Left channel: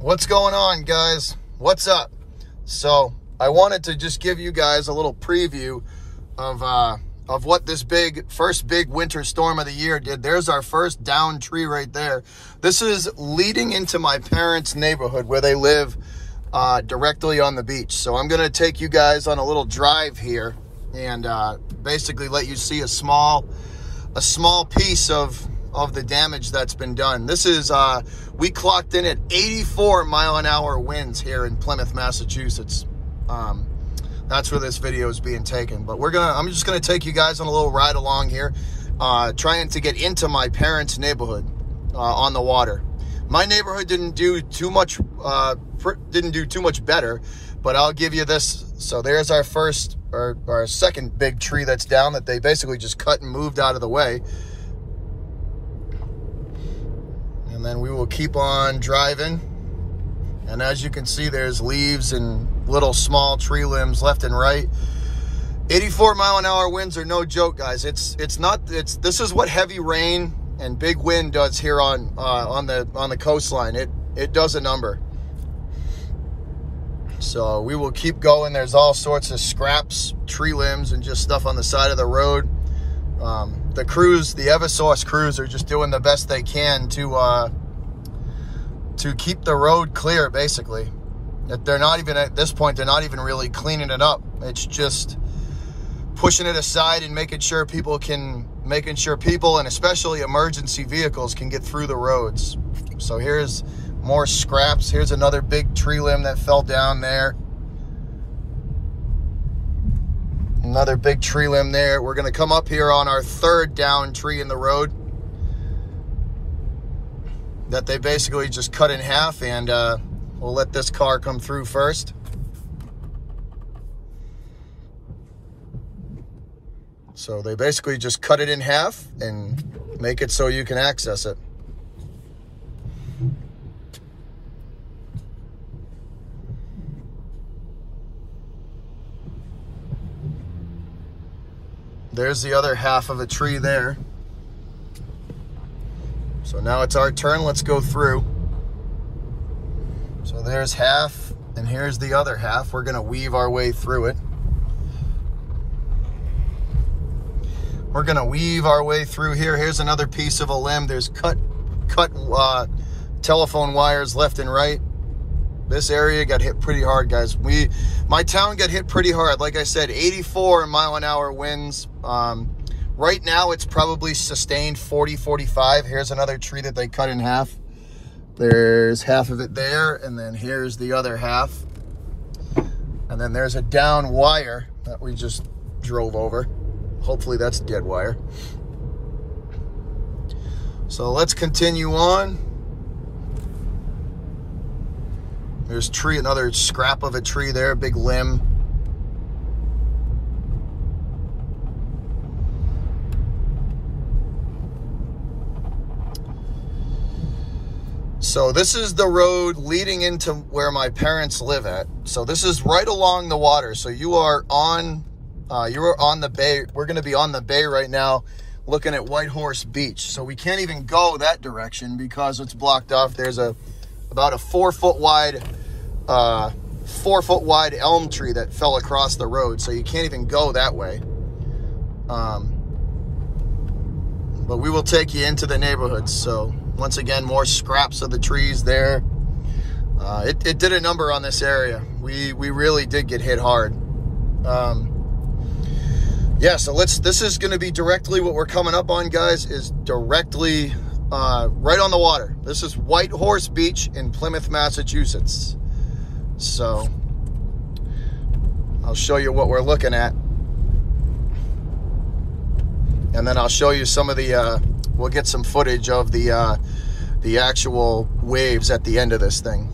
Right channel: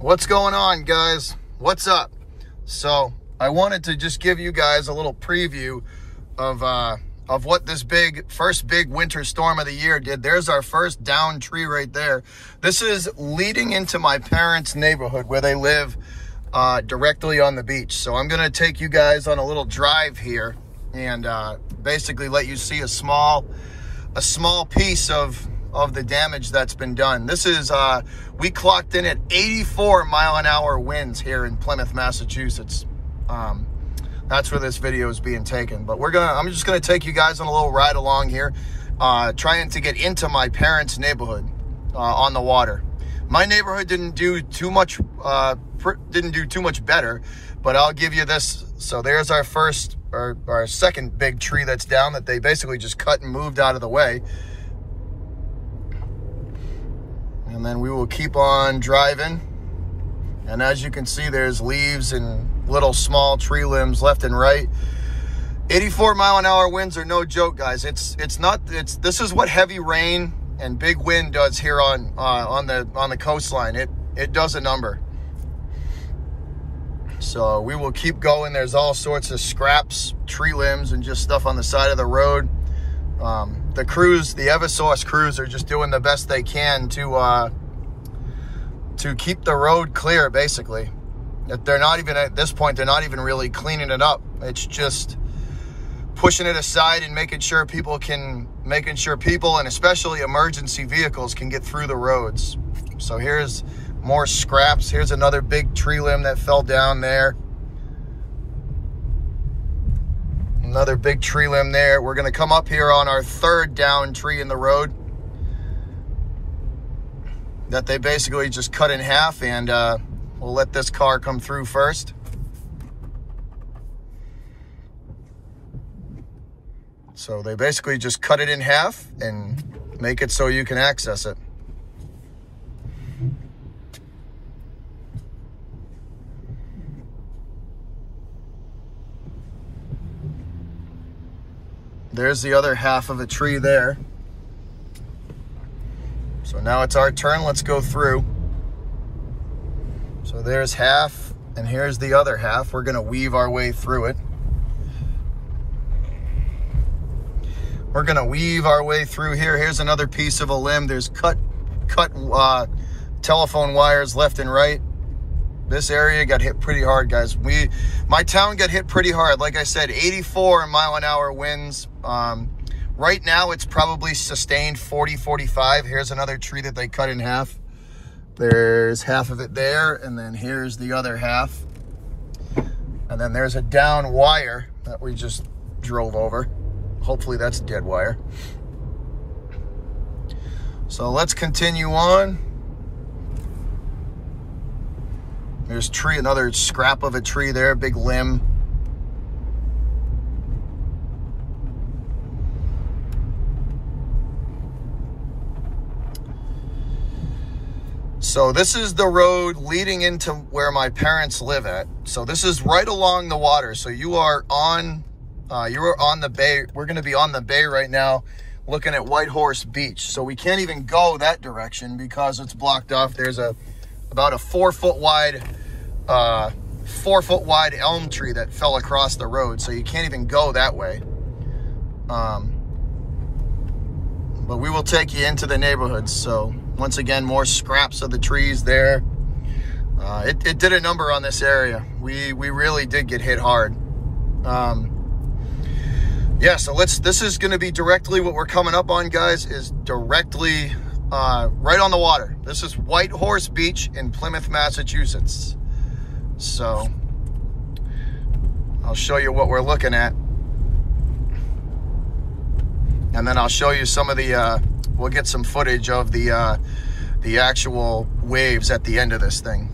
What's going on, guys? What's up? So I wanted to just give you guys a little preview of what this first big winter storm of the year did. There's our first downed tree right there. This is leading into my parents' neighborhood where they live directly on the beach. So I'm gonna take you guys on a little drive here and basically let you see a small piece of the damage that's been done. This is, we clocked in at 84-mile-an-hour winds here in Plymouth, Massachusetts. That's where this video is being taken. But I'm just gonna take you guys on a little ride along here, trying to get into my parents' neighborhood on the water. My neighborhood didn't do too much better, but I'll give you this. So there's our second big tree that's down that they basically just cut and moved out of the way. And then we will keep on driving. And as you can see, there's leaves and little small tree limbs left and right. 84-mile-an-hour winds are no joke, guys. This is what heavy rain and big wind does here on the coastline. It does a number. So we will keep going. There's all sorts of scraps, tree limbs, and just stuff on the side of the road. The Eversource crews are just doing the best they can to keep the road clear, basically. They're not even, at this point, they're not even really cleaning it up. It's just pushing it aside and making sure people and especially emergency vehicles can get through the roads. So here's more scraps. Here's another big tree limb that fell down there. Another big tree limb there. We're gonna come up here on our third downed tree in the road that they basically just cut in half, and we'll let this car come through first. So they basically just cut it in half and make it so you can access it. There's the other half of a tree there. So now it's our turn. Let's go through. So there's half, and here's the other half. We're gonna weave our way through it. We're gonna weave our way through here. Here's another piece of a limb. There's cut telephone wires left and right. This area got hit pretty hard, guys. My town got hit pretty hard. Like I said, 84-mile-an-hour winds. Right now, it's probably sustained 40, 45. Here's another tree that they cut in half. There's half of it there, and then here's the other half. And then there's a down wire that we just drove over. Hopefully that's dead wire. So let's continue on. There's another scrap of a tree there, big limb. So this is the road leading into where my parents live at. So this is right along the water. So you are on the bay. We're gonna be on the bay right now, looking at White Horse Beach. So we can't even go that direction because it's blocked off. There's about a 4-foot wide elm tree that fell across the road, so you can't even go that way. But we will take you into the neighborhood. So once again, more scraps of the trees there. It did a number on this area. We really did get hit hard. Yeah, so this is gonna be directly what we're coming up on, guys, is directly right on the water. This is White Horse Beach in Plymouth, Massachusetts. So I'll show you what we're looking at. And then I'll show you some of we'll get some footage of the actual waves at the end of this thing.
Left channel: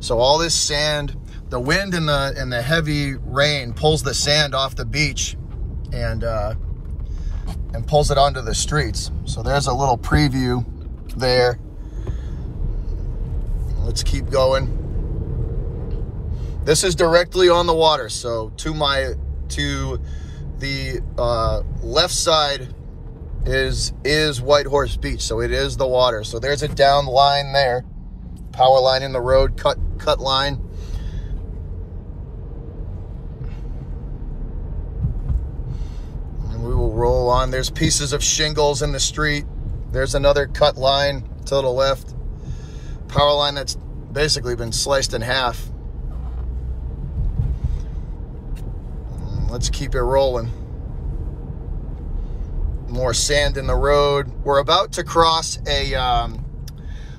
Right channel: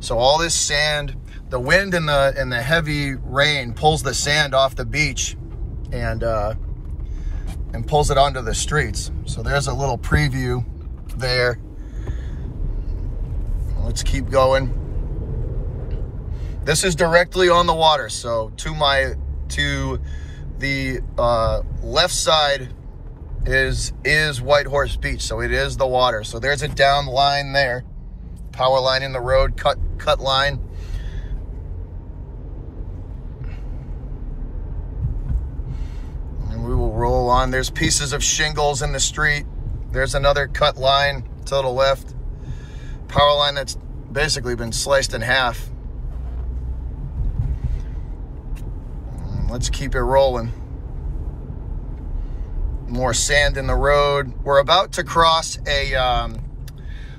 So all this sand, the wind and the heavy rain pulls the sand off the beach and pulls it onto the streets. So there's a little preview there. Let's keep going. This is directly on the water. So to the left side is White Horse Beach. So it is the water. So there's a down line there. Power line in the road, cut line. And we will roll on. There's pieces of shingles in the street. There's another cut line to the left. Power line that's basically been sliced in half. Let's keep it rolling. More sand in the road. We're about to cross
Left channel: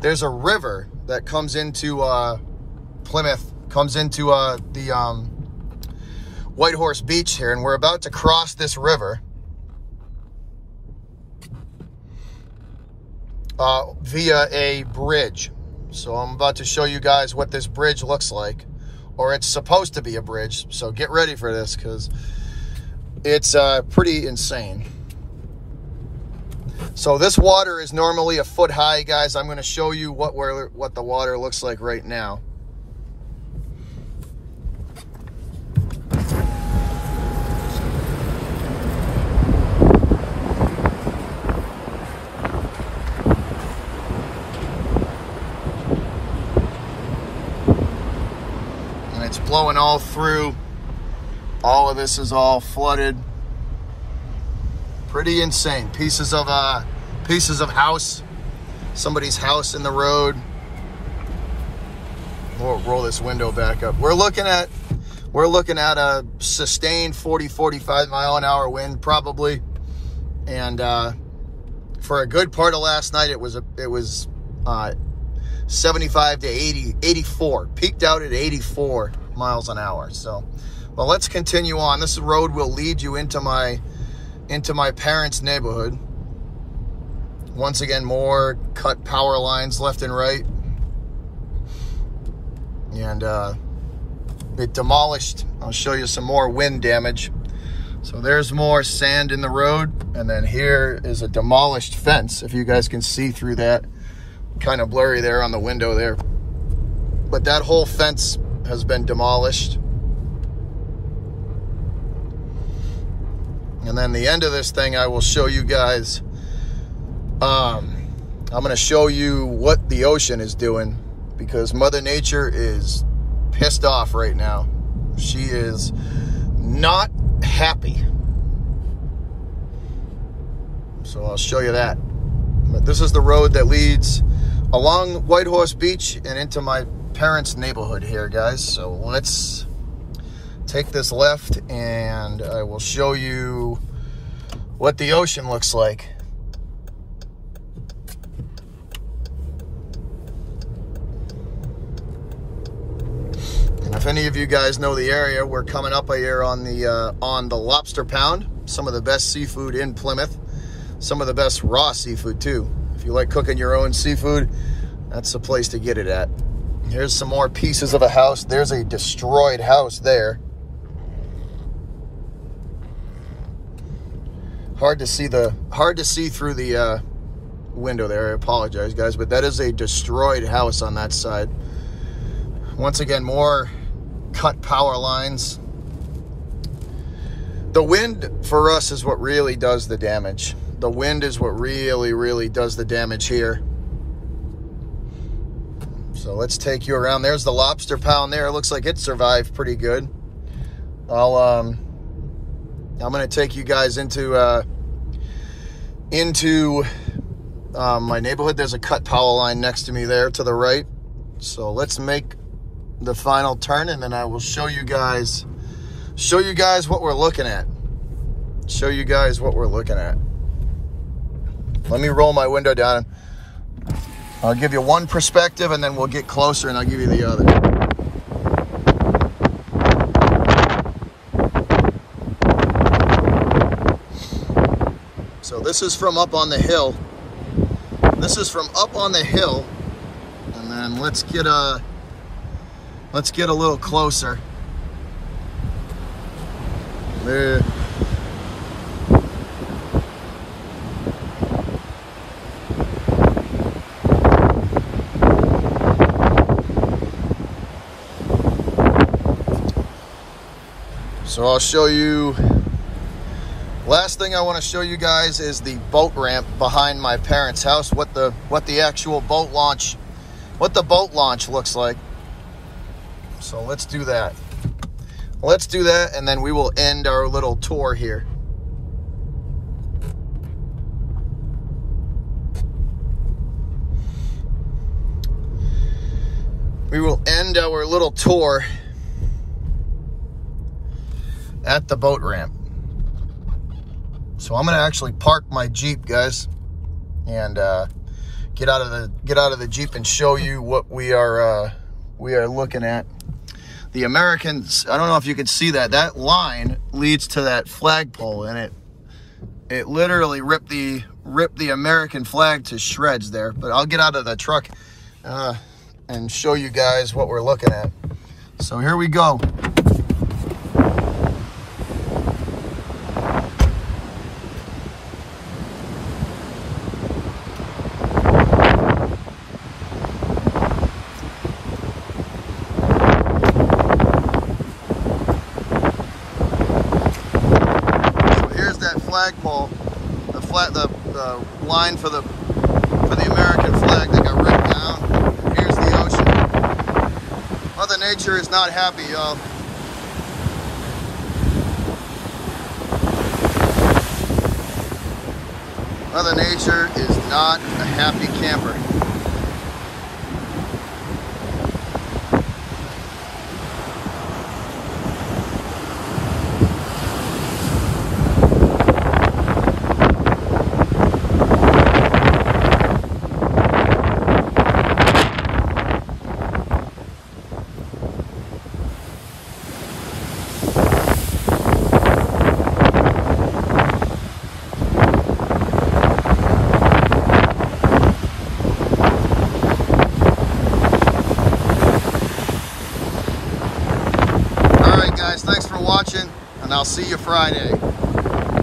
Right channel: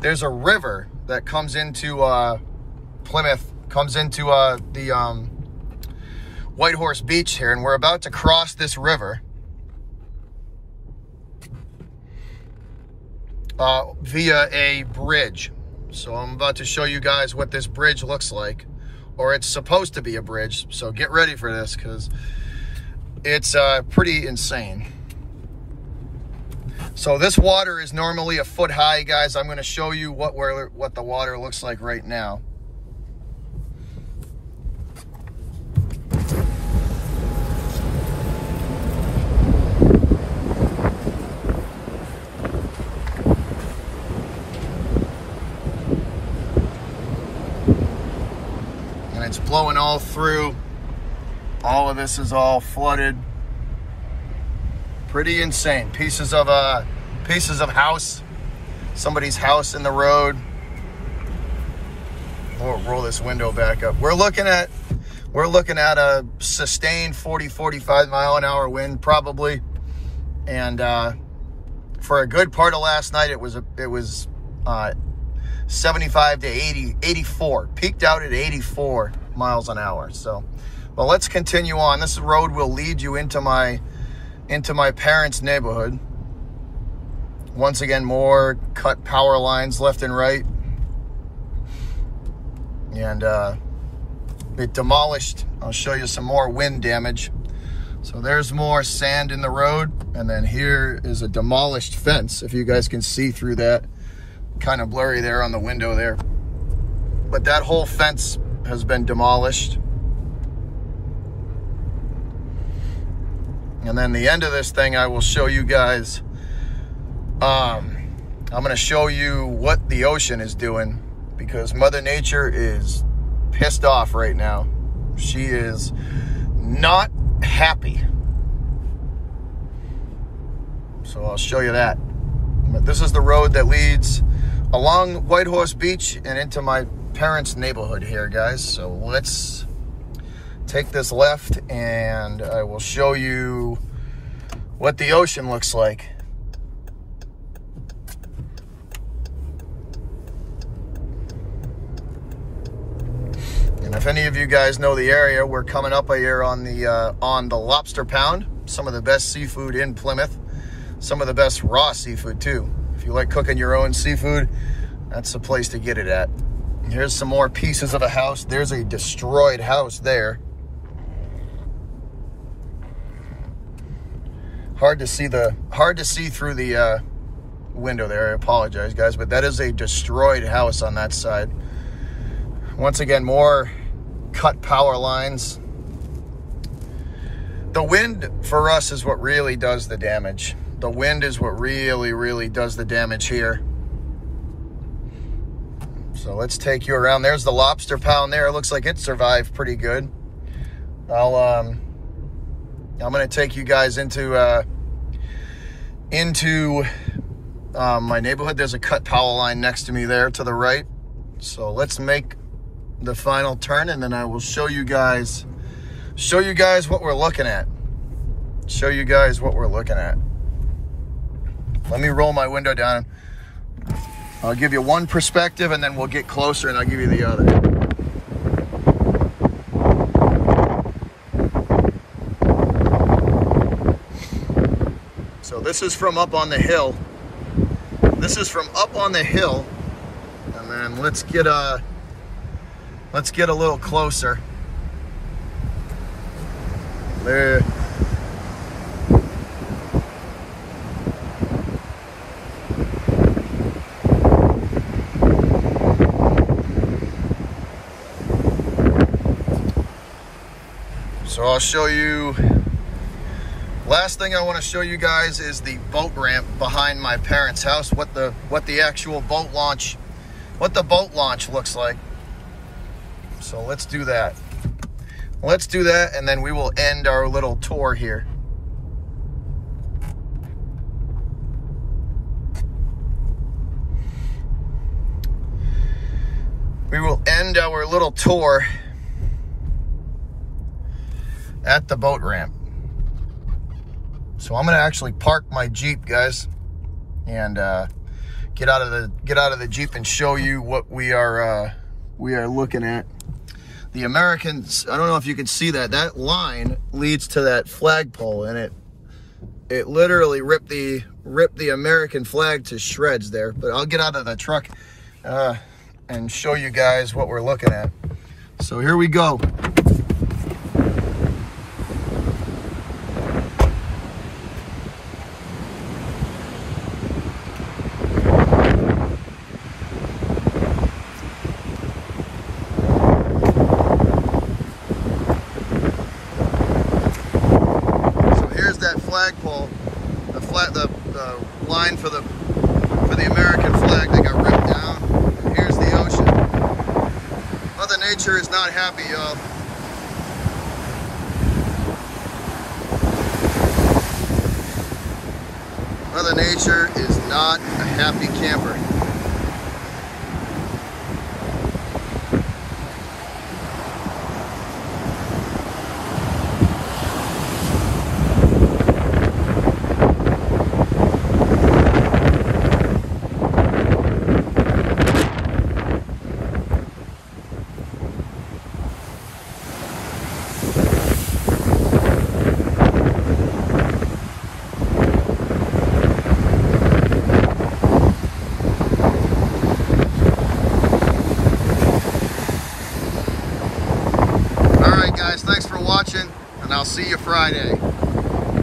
there's a river that comes into Plymouth, comes into the White Horse Beach here, and we're about to cross this river via a bridge. So I'm about to show you guys what this bridge looks like, or it's supposed to be a bridge. So get ready for this, because it's pretty insane. So this water is normally a foot high, guys. I'm going to show you what the water looks like right now. And it's blowing all through. All of this is all flooded. Pretty insane. Pieces of house, somebody's house in the road. We'll roll this window back up. We're looking at a sustained 40-45 mile an hour wind probably, and for a good part of last night it was 75 to 80, 84. Peaked out at 84 miles an hour. So, well, let's continue on. This road will lead you into my parents' neighborhood. Once again, more cut power lines left and right. And it demolished. I'll show you some more wind damage. So there's more sand in the road. And then here is a demolished fence. If you guys can see through that. Kind of blurry there on the window there. But that whole fence has been demolished. And then the end of this thing, I will show you guys, I'm going to show you what the ocean is doing, because Mother Nature is pissed off right now. She is not happy. So I'll show you that. But this is the road that leads along White Horse Beach and into my parents' neighborhood here, guys. So let's take this left and I will show you what the ocean looks like. And if any of you guys know the area, we're coming up here on the Lobster Pound, some of the best seafood in Plymouth, some of the best raw seafood too. If you like cooking your own seafood, that's the place to get it at. Here's some more pieces of a house. There's a destroyed house there. Hard to see through the window there. I apologize, guys, but that is a destroyed house on that side. Once again, more cut power lines. The wind for us is what really does the damage. The wind is what really does the damage here. So let's take you around. There's the Lobster Pound there. It looks like it survived pretty good. I'm going to take you guys into my neighborhood. There's a cut power line next to me there to the right. So let's make the final turn, and then I will show you guys what we're looking at. Show you guys what we're looking at. Let me roll my window down. I'll give you one perspective, and then we'll get closer and I'll give you the other. So this is from up on the hill. This is from up on the hill. And then let's get a little closer. There. So I'll show you, last thing I want to show you guys is the boat ramp behind my parents' house, what the actual boat launch boat launch looks like. So let's do that. Let's do that, and then we will end our little tour here. We will end our little tour at the boat ramp. So I'm gonna actually park my Jeep, guys, and get out of the Jeep and show you what we are looking at. The Americans, I don't know if you can see that. That line leads to that flagpole, and it literally ripped the American flag to shreds there. But I'll get out of the truck and show you guys what we're looking at. So here we go. Flagpole, the line for the American flag that got ripped down. And here's the ocean. Mother Nature is not happy, y'all. Mother Nature is not a happy camper. Guys, thanks for watching, and I'll see you Friday.